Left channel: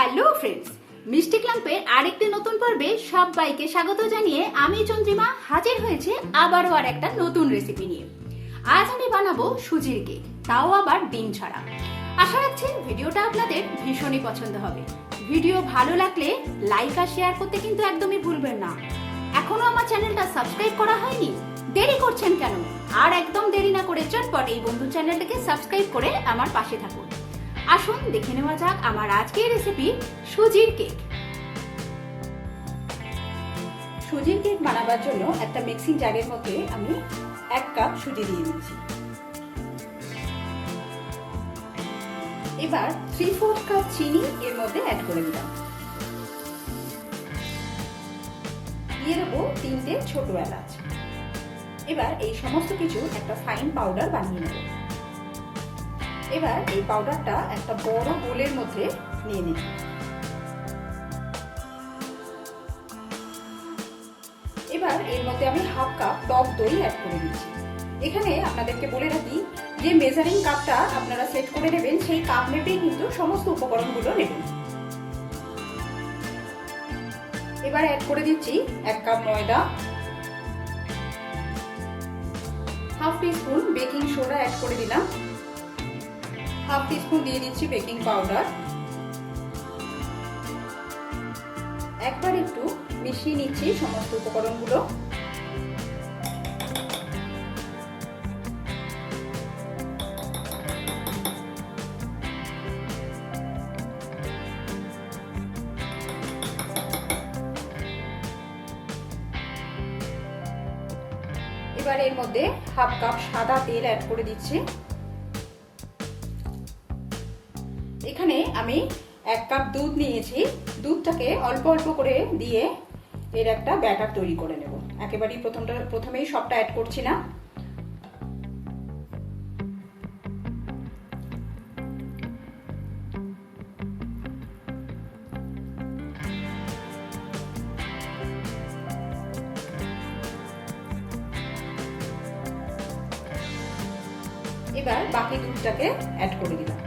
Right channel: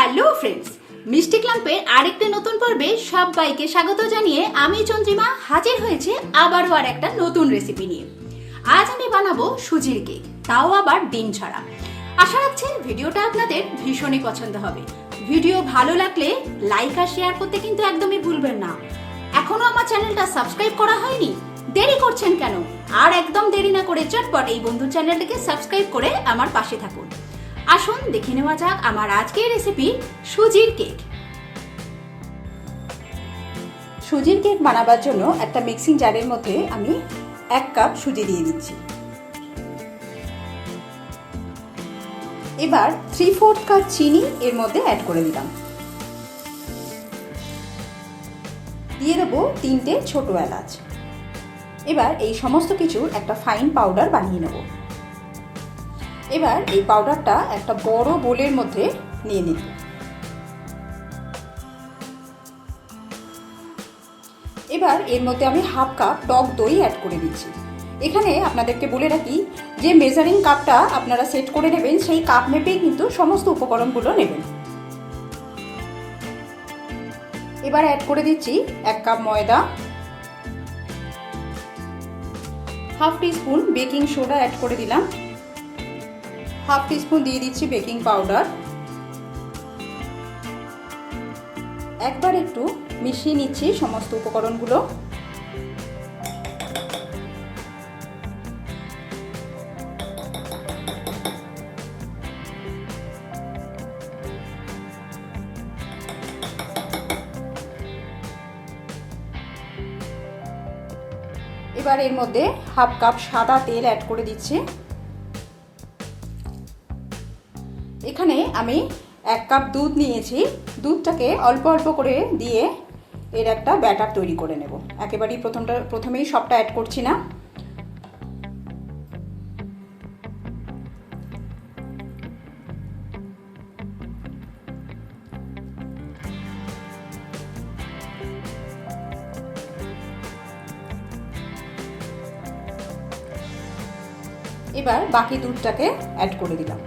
Hello friends মিষ্টি ক্লাম্পের আরেকটি নতুন পর্বে সবাইকে স্বাগত জানিয়ে আমি চন্দ্রিমা হাজির হয়েছে আবারও আর একটা নতুন রেসিপি নিয়ে। আজ আমি বানাবো সুজির কেক তাও আবার ডিম ছাড়া। আশা রাখছি ভিডিওটা আপনাদের ভীষণই পছন্দ হবে। ভিডিও ভালো লাগলে লাইক আর শেয়ার করতে কিন্তু একদমই ভুলবেন না। এখনও আমার চ্যানেলটা সাবস্ক্রাইব করা হয়নি? দেরি করছেন কেন? আর একদম দেরি না করে চটপট এই বন্ধু চ্যানেলটাকে সাবস্ক্রাইব করে আমার পাশে থাকুন। আসুন দেখে নেওয়া যাক আমার আজকের রেসিপি সুজির কেক সুজির কেক বানাবার জন্য একটা মিক্সিং জারের মধ্যে আমি এক কাপ সুজি দিয়ে দিচ্ছি। এবার থ্রি ফোর্থ কাপ চিনি এর মধ্যে অ্যাড করে দিলাম দিয়ে দেবো তিনটে ছোট এলাচ। এবার এই সমস্ত কিছু একটা ফাইন পাউডার বানিয়ে নেব। এবার এই পাউডারটা একটা বড় বোলের মধ্যে নিয়ে নিন এবার এর মধ্যে আমি হাফ কাপ টক দই অ্যাড করে দিচ্ছি এখানে আপনাদেরকে বলে রাখি, যে মেজারিং কাপটা আপনারা সেট করে নেবেন, সেই কাপ মেপেই কিন্তু সমস্ত উপকরণগুলো নেবেন। এবার অ্যাড করে দিচ্ছি এক কাপ ময়দা, half teaspoon baking soda add করে দিলাম। হাফ টিস্পুন দিয়ে দিচ্ছি বেকিং পাউডার। একবার একটু মিশিয়ে নিচ্ছি সমস্ত উপকরণগুলো। এবার এর মধ্যে হাফ কাপ সাদা তেল অ্যাড করে দিচ্ছি। এখানে আমি এক কাপ দুধ নিয়েছি। দুধটাকে অল্প অল্প করে দিয়ে এর একটা ব্যাটার তৈরি করে নেব। একেবারেই প্রথমটা, প্রথমেই সবটা অ্যাড করছি না। এবার বাকি দুধটাকে অ্যাড করে দিলাম।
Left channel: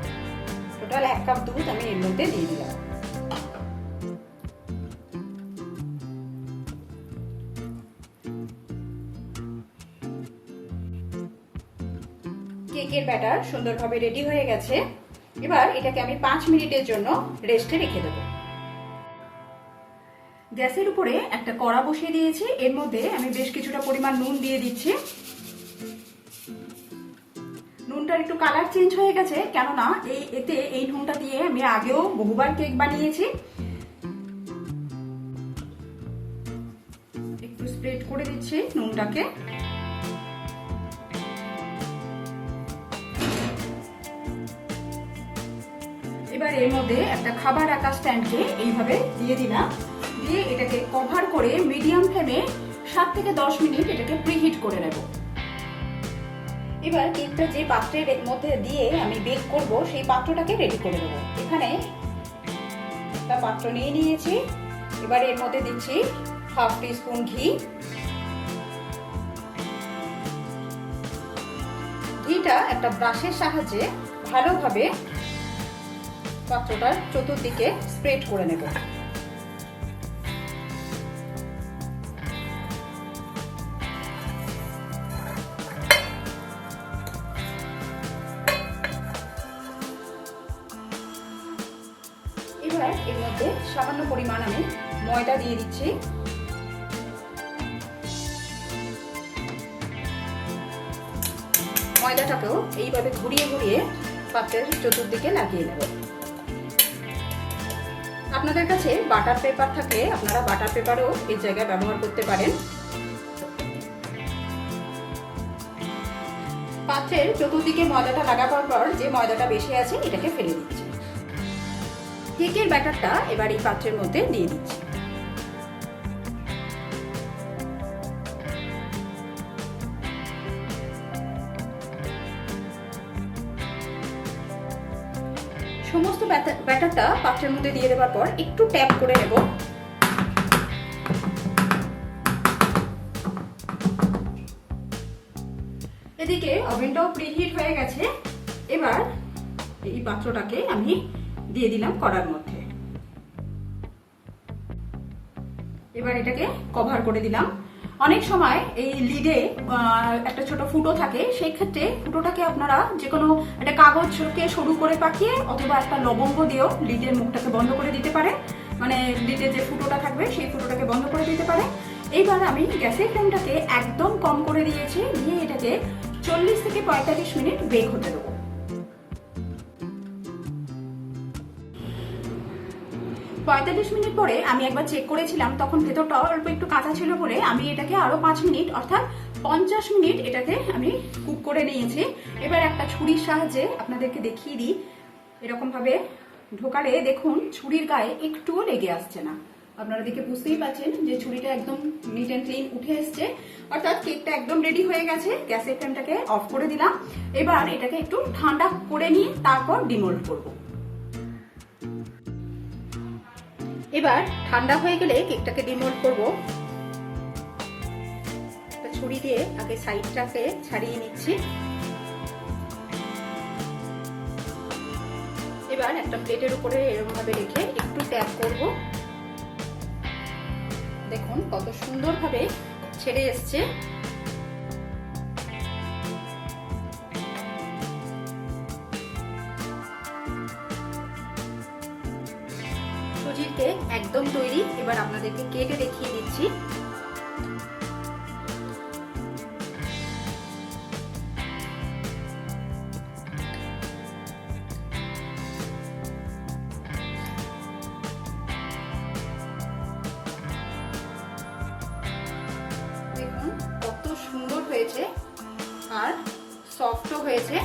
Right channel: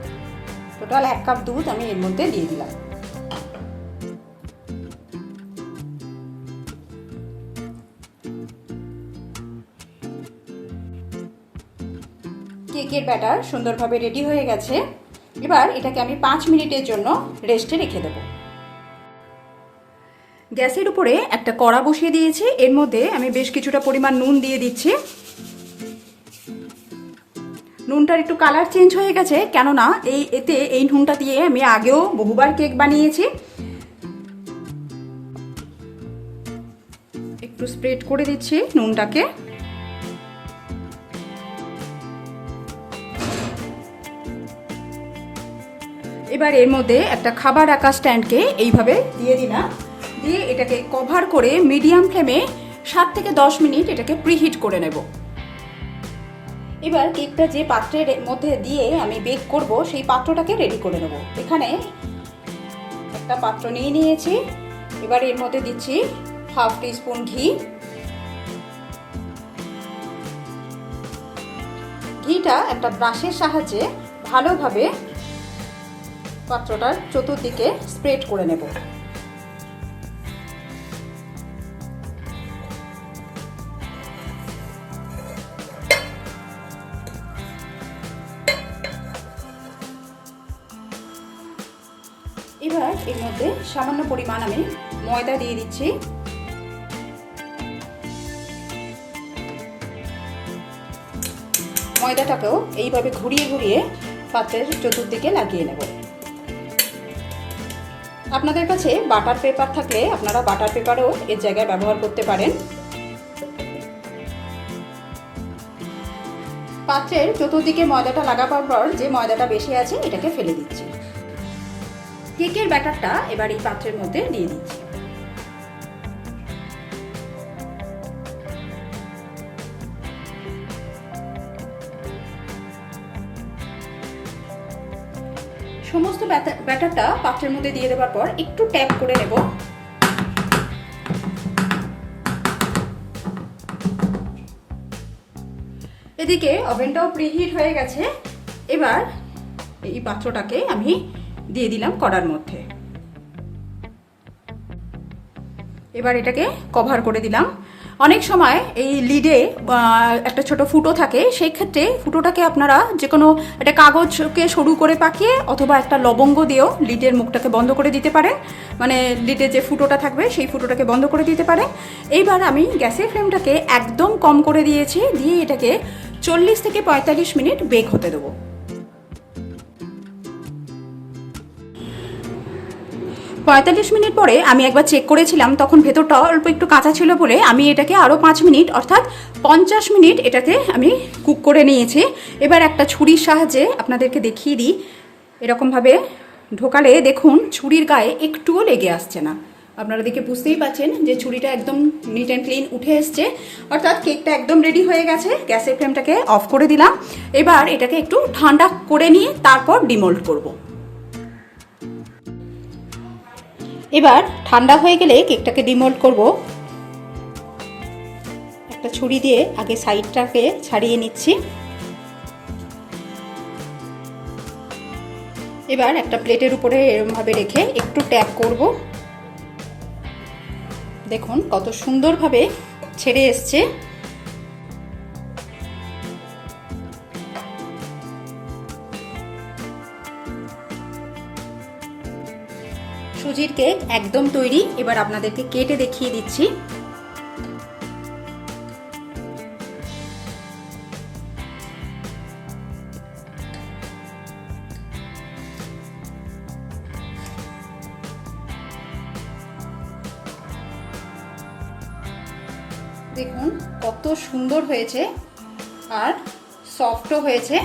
টোটাল এক কাপ দুধ আমি এর মধ্যে দিয়ে দিলাম। কেকের ব্যাটার সুন্দরভাবে রেডি হয়ে গেছে। এবার এটাকে আমি পাঁচ মিনিটের জন্য রেস্টে রেখে দেব। গ্যাসের উপরে একটা কড়া বসিয়ে দিয়েছি। এর মধ্যে আমি বেশ কিছুটা পরিমাণ নুন দিয়ে দিচ্ছি। নুনটার একটু কালার চেঞ্জ হয়ে গেছে, কেননা এই এতে এই নুনটা দিয়ে আমি আগেও বহুবার কেক বানিয়েছি। একটু স্প্রেড করে দিচ্ছি নুনটাকে। এবার এর মধ্যে একটা খাবার রাখা স্ট্যান্ডকে এইভাবে দিয়ে দিলাম। দিয়ে এটাকে কভার করে মিডিয়াম ফ্লেমে সাত থেকে দশ মিনিট এটাকে প্রিহিট করে নেব। এবার কেকটা যে পাত্রের মধ্যে দিয়ে আমি বেক করব, সেই পাত্রটাকে রেডি করে নেব। এখানে একটা পাত্র নিয়ে নিয়েছি। এবার এর মধ্যে দিচ্ছি হাফ টিস্পুন ঘি। ঘিটা একটা ব্রাশের সাহায্যে ভালোভাবে পাত্রটার চতুর্দিকে স্প্রেড করে নেব। এর মধ্যে সামান্য পরিমাণ আমি ময়দা দিয়ে দিচ্ছি। ময়দাটাকেও এইভাবে ঘুরিয়ে ঘুরিয়ে পাত্রের চতুর্দিকে লাগিয়ে নেব। আপনাদের কাছে বাটার পেপার থাকলে আপনারা বাটার পেপারও এর জায়গায় ব্যবহার করতে পারেন। পাত্রের চতুর্দিকে ময়দাটা লাগাবার পর যে ময়দাটা বেশি আছে, এটাকে ফেলে দিচ্ছি। কেকের ব্যাটারটা এবার এই পাত্রের মধ্যে দিয়ে দিচ্ছি। সমস্ত ব্যাটারটা পাত্রের মধ্যে দিয়ে দেওয়ার পর একটু ট্যাপ করে নেব। এদিকে ওভেনটাও প্রিহিট হয়ে গেছে। এবার এই পাত্রটাকে আমি দিয়ে দিলাম কড়ার মধ্যে। এবার এটাকে কভার করে দিলাম। অনেক সময় এই লিডে একটা ছোট ফুটো থাকে সেই ক্ষেত্রে ফুটোটাকে আপনারা যে কোনো একটা কাগজকে সরু করে পাকিয়ে অথবা একটা লবঙ্গ দিয়েও লিডের মুখটাকে বন্ধ করে দিতে পারে মানে লিডের যে ফুটোটা থাকবে, সেই ফুটোটাকে বন্ধ করে দিতে পারে এইবার আমি গ্যাসের ফ্লেমটাকে একদম কম করে দিয়েছি, দিয়ে এটাকে চল্লিশ থেকে পঁয়তাল্লিশ মিনিট বেক হতে দেবো। পঁয়তাল্লিশ মিনিট পরে আমি একবার চেক করেছিলাম, তখন ভেতরটা অল্প একটু কাঁচা ছিল বলে আমি এটাকে আরও পাঁচ মিনিট, অর্থাৎ পঞ্চাশ মিনিট এটাকে আমি কুক করে নিয়েছি। এবার একটা ছুরির সাহায্যে আপনাদেরকে দেখিয়ে দিই, এরকমভাবে ঢোকালে দেখুন ছুরির গায়ে একটুও লেগে আসছে না। আপনারা দেখে বুঝতেই পাচ্ছেন যে ছুরিটা একদম নিট অ্যান্ড ক্লিন উঠে এসছে। অর্থাৎ কেকটা একদম রেডি হয়ে গেছে, গ্যাসের ফ্লেমটাকে অফ করে দিলাম। এবার এটাকে একটু ঠান্ডা করে নিয়ে তারপর ডিমোল্ড করব। এবার ঠান্ডা হয়ে গেলে কেকটাকে ডিমোল্ড করব। একটা ছুরি দিয়ে আগে সাইডটাকে ছাড়িয়ে নিচ্ছি। এবার একটা প্লেটের উপরে এরমভাবে রেখে একটু ট্যাপ করব। দেখুন কত সুন্দরভাবে ছেড়ে এসছে। সুজির কেক একদম তৈরি। এবার আপনাদেরকে কেটে দেখিয়ে দিচ্ছি। দেখুন, কত সুন্দর হয়েছে আর সফটও হয়েছে।